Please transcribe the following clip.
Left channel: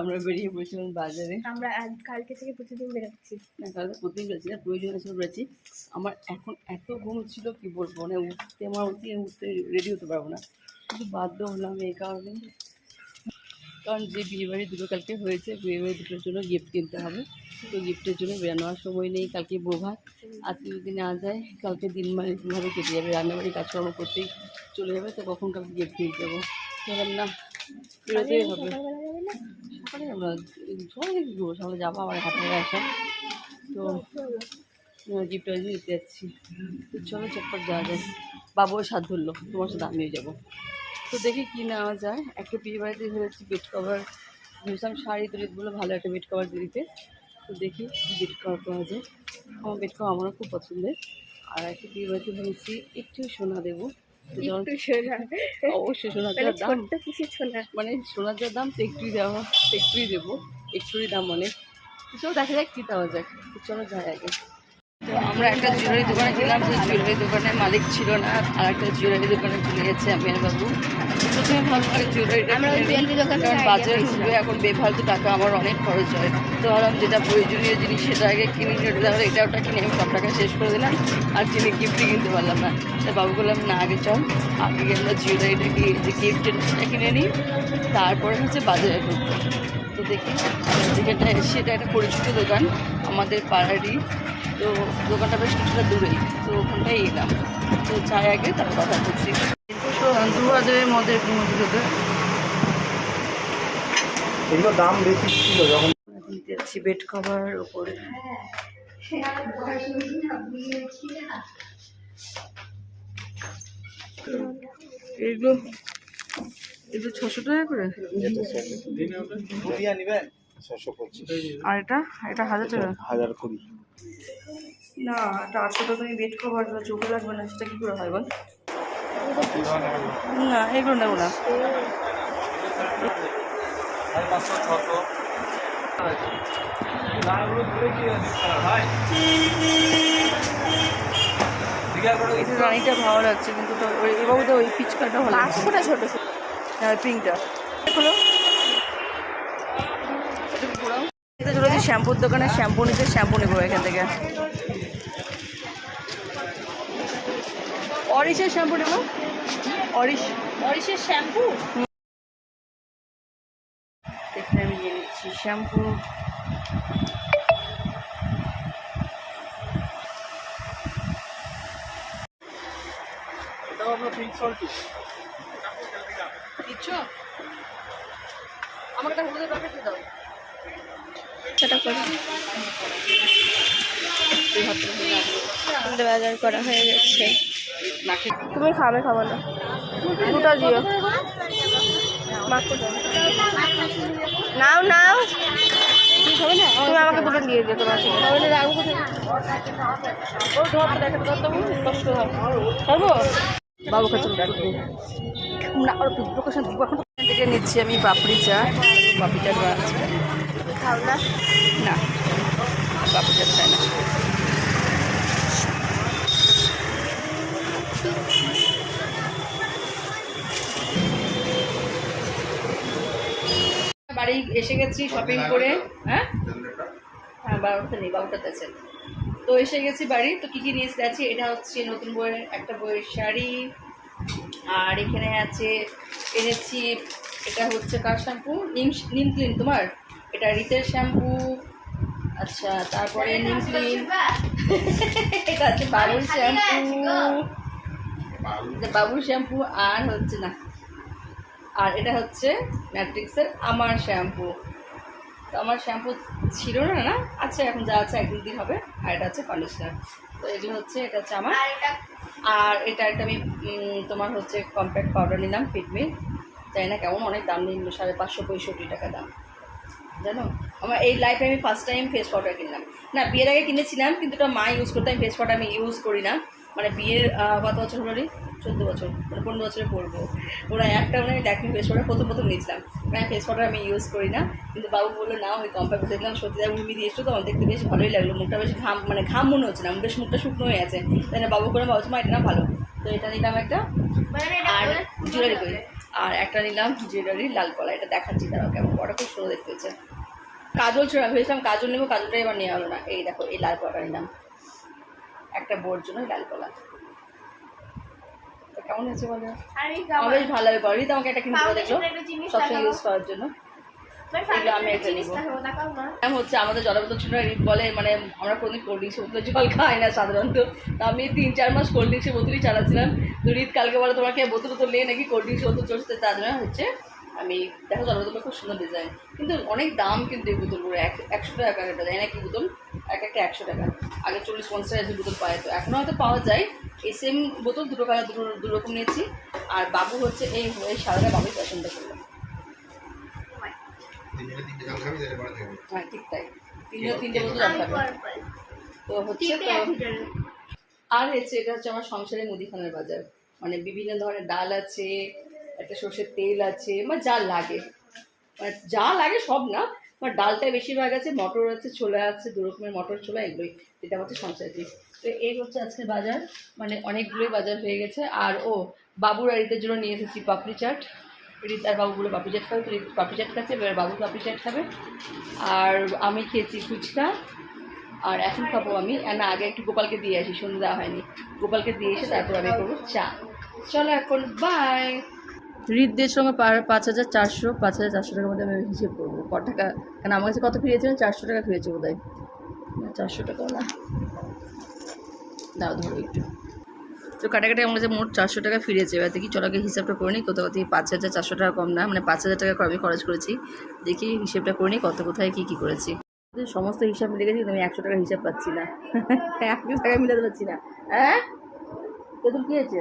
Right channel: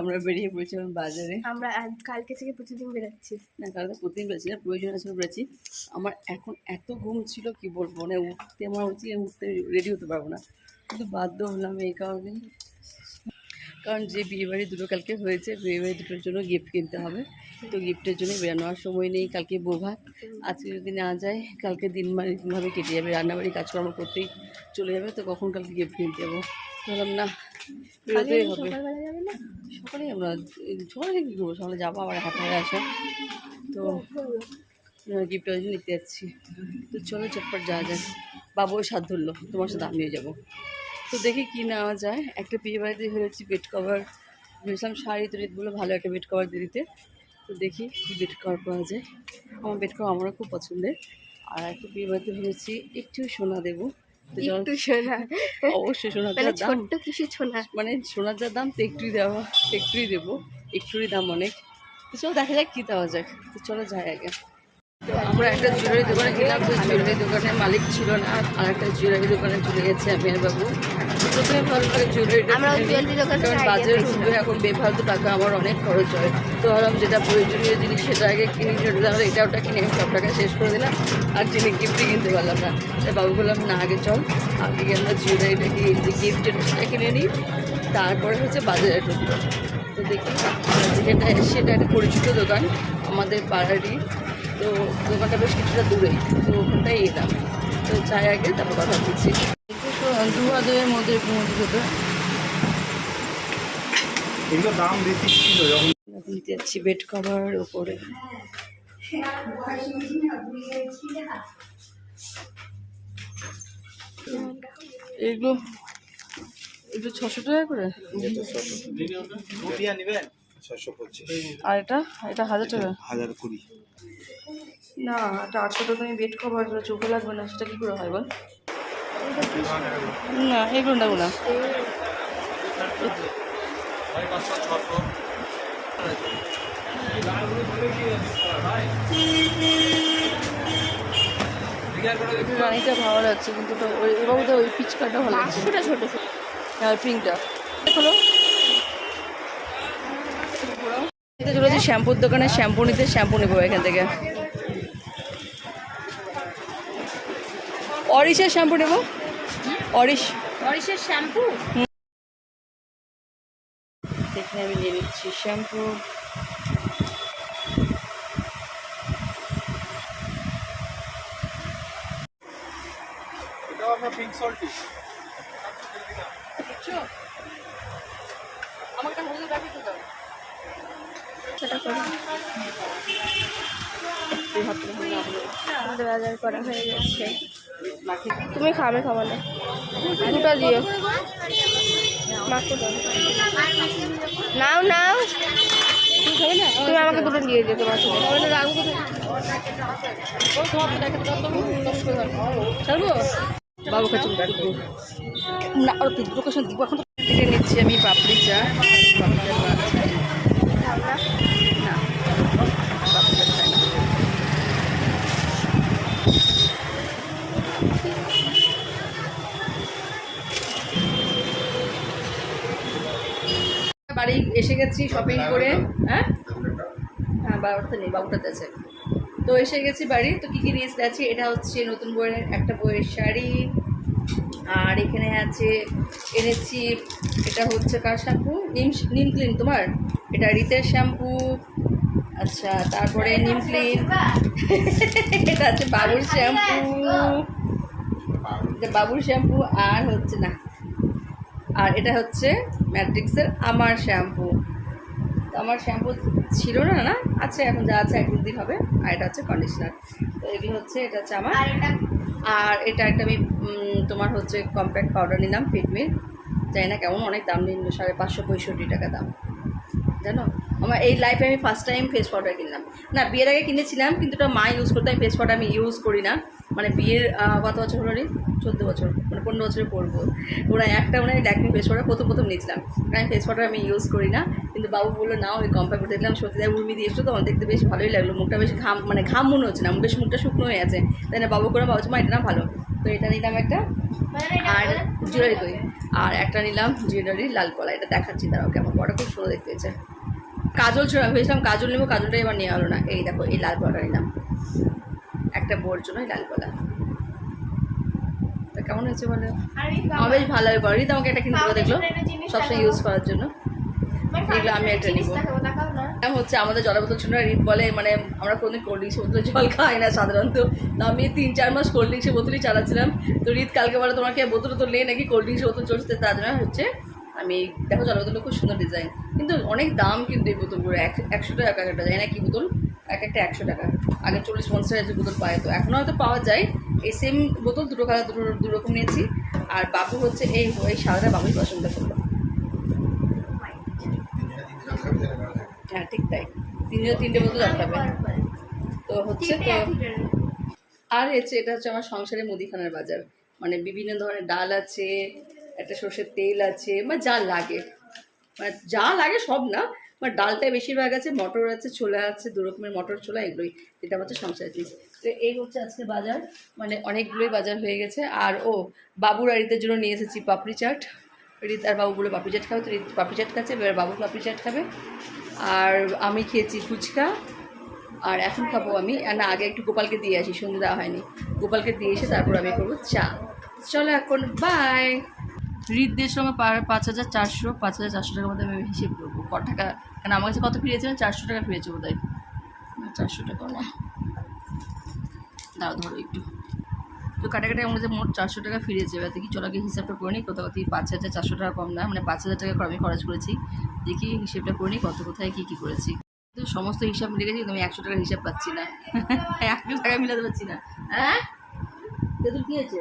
আমরা বেরিয়ে পড়েছিলাম বাজারে। আমরা কালকে থেকে প্রতিদিন বেরোচ্ছি। না, কালকে প্রতিদিন বেরোচ্ছি না, প্রয়োজন আছে বেরোচ্ছি। আমার এখন এত ঘুম ছিল কি বলবো, মানে উঠতে রেডি হতে পারবো না, কিন্তু বাধ্য হলাম এই কারণে, কারণ যে বিয়েবাড়ি দুটো কালকে হয়েছে, বিয়েবাড়ি দুটোর জন্য গিফট কিনতে হবে। তো গিফটের জন্য বেরোনোর সময় নেই, কালকে বৌভাত। আজকে যদি না যায় কালকে দিন এরকমভাবে কেটে যাবে, রান্নাবাড়ি কাজকর্ম করতেই চলে যাবে। তো কখন কালকে গিফট কিনতে যাবো, বললাম না বেরোতেই হবে। সকালে আমরা সকালে কী করবো, সকালে যাবো আবার হাঁটায় আসা, তো গিফট নিতে যাচ্ছি। তো চলো চটপট যাওয়া যায়, বাবুও সাথ ধরলো তোমার সাথে আমিও যাবো। তো দেখি কী নেওয়া যায়। একটা বিয়ে বাড়িতে ভেবেছি বেড কভার, ভেবেছিলাম শাড়ি তো রেটগুলো ভালো একটা বেড কভার দিয়ে দিতে। তো দেখি কী বেড কভার পাওয়া যায়। আমার বেড কভার আমারও খুব পছন্দের। আর একটা বিয়ে বাড়িতে ভেবেছি একটু সোনা দেবো, অবশ্যই সোনার যা দাম, কিছু সোনা মানে সোনার যা দাম তো একটুই দেওয়া, একটুই দেবো, একটুই দাম অনেক। তো চলো দেখা যাক কী দেওয়া যাক। তো চলো যাই আগে। তো আমরা একটা জুয়েলারি দোকানে গেলাম, যে জুয়েলারি দোকানের মালিক ছিল না, আর একটা জুয়েলারি দোকানে ঘুরে গেছে আমি আর বাবু। প্রথমে ভালো করে জুয়েলারিটা, কারণ বাজারে ঢুকবে এখন বেফালতু টাকা আমার অনেক খরচ হয়। তো ভাবলাম যেটা প্রয়োজনীয় জিনিস সেটা আগে কিনে নিতে, তাহলে এটা ওটা কিনে আমি সব টাকা শেষ করে দিলাম, আর যিনি গিফটই কিনতে পারলাম না। তাই বাবু বললাম না আগে চল, আগে আমরা জুয়েলারিটা যে গিফটের সেটা কিনে নিই, তারপরে হচ্ছে বাজারে ঢুকবো। তো দেখি যেখানটা এসে, এটা একটা পরিচিত দোকান আমাদের পাড়ারই, তো দোকানটা বেশ কিছুটা দূরেই, তো ওখানটাই এলাম। তো চাই আগে তারপর কথা বলছি। তো 2000-এর মধ্যে দাম বেশি ছিল যখন দিতে যাচ্ছি বেড কভার ওপরে। এগুলো 600 টাকা করে, নেবেন 625, আর এটা 1000 টাকা। 1020 না, এটা 800 টাকা। আমি বেড কভার চোখে লাগবে না, সেটা কী করে হয় বল? না এগুলো নেবো না। রানিটা ভালো লাগছে, কিন্তু তো এবার ওই পিচকাটা ভালো লাগছে, ছোটো ছোটো। হ্যাঁ পিঙ্কটা হলো। চলেছি শ্যাম্পুর দোকানে শ্যাম্পু নিতে, শ্যাম্পু নেবো এখান থেকে। অরিশের শ্যাম্পু নেবো, অরিশের শ্যাম্পু। এখানে আমি নিয়ে নিচ্ছি শ্যাম্পু। এটাও আপনার পিঙ্ক সল্টি দিচ্ছ আমাকে একটা হলুদের প্যাকেট দাও। সেটা করে তুই বাজার করা হয়ে গেছে। নাকি তুমি খাবে, খাবো না, দুটো দিও। নাও নাও, তুই খাবে না? তুমি আমাকে দুটো দিয়ে দিও। তোমার সাথে রাখবো ছাড়বো বাবু খাচ্ছে না, আর লোকেশন দিব। এখন থেকে নিচ্ছি আমি পাপড়ি চা। পাপড়ি চা খাও না। না, পাপড়ি চা চাই না। বাড়ি এসে গেছি শপিং করে। হ্যাঁ হ্যাঁ, বাবুটা নেই, বাবুটাতে আছে। তো এসে গেছি বাড়ি। তো কী কী নিয়ে যাচ্ছি, এটা হচ্ছে নতুন বইয়ের একটা বইয়ের শাড়ি, আর এখানে আছে এনেছি, এটা হচ্ছে কার শ্যাম্পু, নিম ক্লিন তোমার, এটা রিতের শ্যাম্পু। আচ্ছা, তারপরে নিম ক্লিন, এটা হচ্ছে বাবুর শ্যাম্পু, এটা বাবুর শ্যাম্পু। আর হচ্ছে না, আর এটা হচ্ছে ম্যাট্রিক্সের আমার শ্যাম্পু। তো আমার শ্যাম্পু ছিল না, না আচ্ছা এখন যা আছে এক দিন হবে। আর এটা হচ্ছে কন্ডিশনার। তো এগুলো হচ্ছে, এটা হচ্ছে আমার। আর এটা একটা আমি তোমার হচ্ছে কম্প্যাক্ট পাউডার নিলাম ফিটমির, জানি না কেমন, অনেক দাম নিল, 565 টাকা দাম। জানো আমার এই লাইফে আমি ফার্স্ট টাইম ফেস পাউডার কিনলাম। না, বিয়ের আগে কিনেছিলাম, কিন্তু এটা মা ইউজ করতে, আমি ফেস পাউডার আমি ইউজ করি না। মানে বিয়ের কত বছর হলো রে, 14 বছর, মানে 15 বছরে পড়বো। ওরা একটা মনে হয় ল্যাকমি ফেস পাউডার প্রথম নিয়েছিলাম, আমি ফেস পাউডার আমি ইউজ করি না। কিন্তু বাবু বললো না, ওই কম্পেয়ার করে দেখলাম, সত্যি তাই উর্মি দিয়ে এসছো তো, আমার দেখতে বেশ ভালোই লাগলো। মুখটা বেশ ঘাম মনে হচ্ছে না, বেশ মুখটা শুকনো হয়ে আছে। তাই না বাবু করে বাবু মা এটা না ভালো। তো এটা নিলাম একটা। আর জুয়েলারি করি, আর একটা নিলাম জুয়েলারি লাল কলা, এটা দেখাচ্ছি দাঁড়াও কেমন, ওটা খুব সুন্দর দেখতে হয়েছে। কাজল ছিল, আমি ভেবেছিলাম কাজল নেবো, কাজলটাই এবার নেওয়া হলো না। এই দেখো এই লাল কলাটা নিলাম, একটা বোর জন্য লাল কলা। তা কেমন হয়েছে বলে? আমার বেশ ভালো লাগে। রিত আমাকে একটা কিনে দেবে দেখলো, সবসময় ইউজ করার জন্য। এগুলো আমি একটা নিবো। হচ্ছে আমাদের জলের বোতল ছিল, রিত বলে মানে আমরা কোনোদিন কোল্ড ড্রিঙ্কসের বোতলে জল খাই না সাধারণত, তো আমি 3-4 মাস কোল্ড ড্রিঙ্কসের বোতলই চালাচ্ছিলাম। তো রিত কালকে বলে তোমাকে বোতল তো নেই নাকি, কোল্ড ড্রিঙ্কসের বোতল চলছে, তার জন্য হচ্ছে আমি দেখো জলের বোতলটা খুব সুন্দর ডিজাইন, কিন্তু অনেক দাম কিন্তু এই বোতলগুলো, 100 টাকা একটা, জানি না কি বোতল, এক একটা 100 টাকা। আগে 40-50 টাকা বোতল পায়, তো এখনও হয়তো পাওয়া যায়। এই সেম বোতল দুটো কালার, দু রকম নিয়েছি। আর বাবু হচ্ছে এই সাদাটা বাবুই পছন্দ করলো। হ্যাঁ ঠিক তাই, 3 বোতল জল খাবে। তো হচ্ছে তো আর হচ্ছে এটা হচ্ছে আমার সংসারের মুদিখানার বাজার, মানে বিভিন্ন ধরনের ডাল আছে, একটা সর্ষের তেল আছে, মানে যা লাগে, মানে যা লাগে সব না, মানে ডালটাই বেশিরভাগ আছে, মটর আছে, ছোলা আছে, 2 রকমের মটর ছোলা, এগুলোই, এটা হচ্ছে সংসারের জিনিস। তো এই হচ্ছে আজকে বাজার, মানে অনেকগুলোই বাজার হয়ে গেছে। আর বাবুর আর রিতের জন্য নিয়ে এসেছি পাপড়ি চাট, রিত আর বাবুগুলো পাপড়ি চাট খাবে, তো রিত পাপড়ি চাট খাচ্ছে, এবার বাবু পাপড়ি চাট খাবে। আর আমি খেয়েছি ফুচকা, আর এখন খাবো আমি, না আগে একটু গোপালকে দিয়ে আসি, সন্ধ্যে দেওয়া হয়নি, গোপালকে দিয়ে এসে তারপর আমি করবো চা। চলো এখন বাই। রিতদের সঙ্গে 5400, 5400 টাকার মধ্যে আমি হিসেব করবো কত টাকা, কারণ আমার কাছে কত ফিরেছিলেন, 400 টাকা ফিরেছে বোধ হয়, 400 টাকাও না, দাও ধরো একটু। তো কাটাকাটি আমার কাছে মোট 400 টাকা ফিরেছে। এবার দেখি চলো আগে হিসাবটা করে নিই, কোথাও কোথায় 5400 টাকা কম না, মানে 5000 টাকা আমি খরচ করেছি। দেখি হিসেবটা করে নিই কত কোথায় কী কী করেছি। সমস্ত হিসাব মিলে গেছি, আমি 100 টাকার হিসাব পাচ্ছি না, 100 টাকা মিলাতে পারছি না। হ্যাঁ তেঁতুল কী হয়েছে?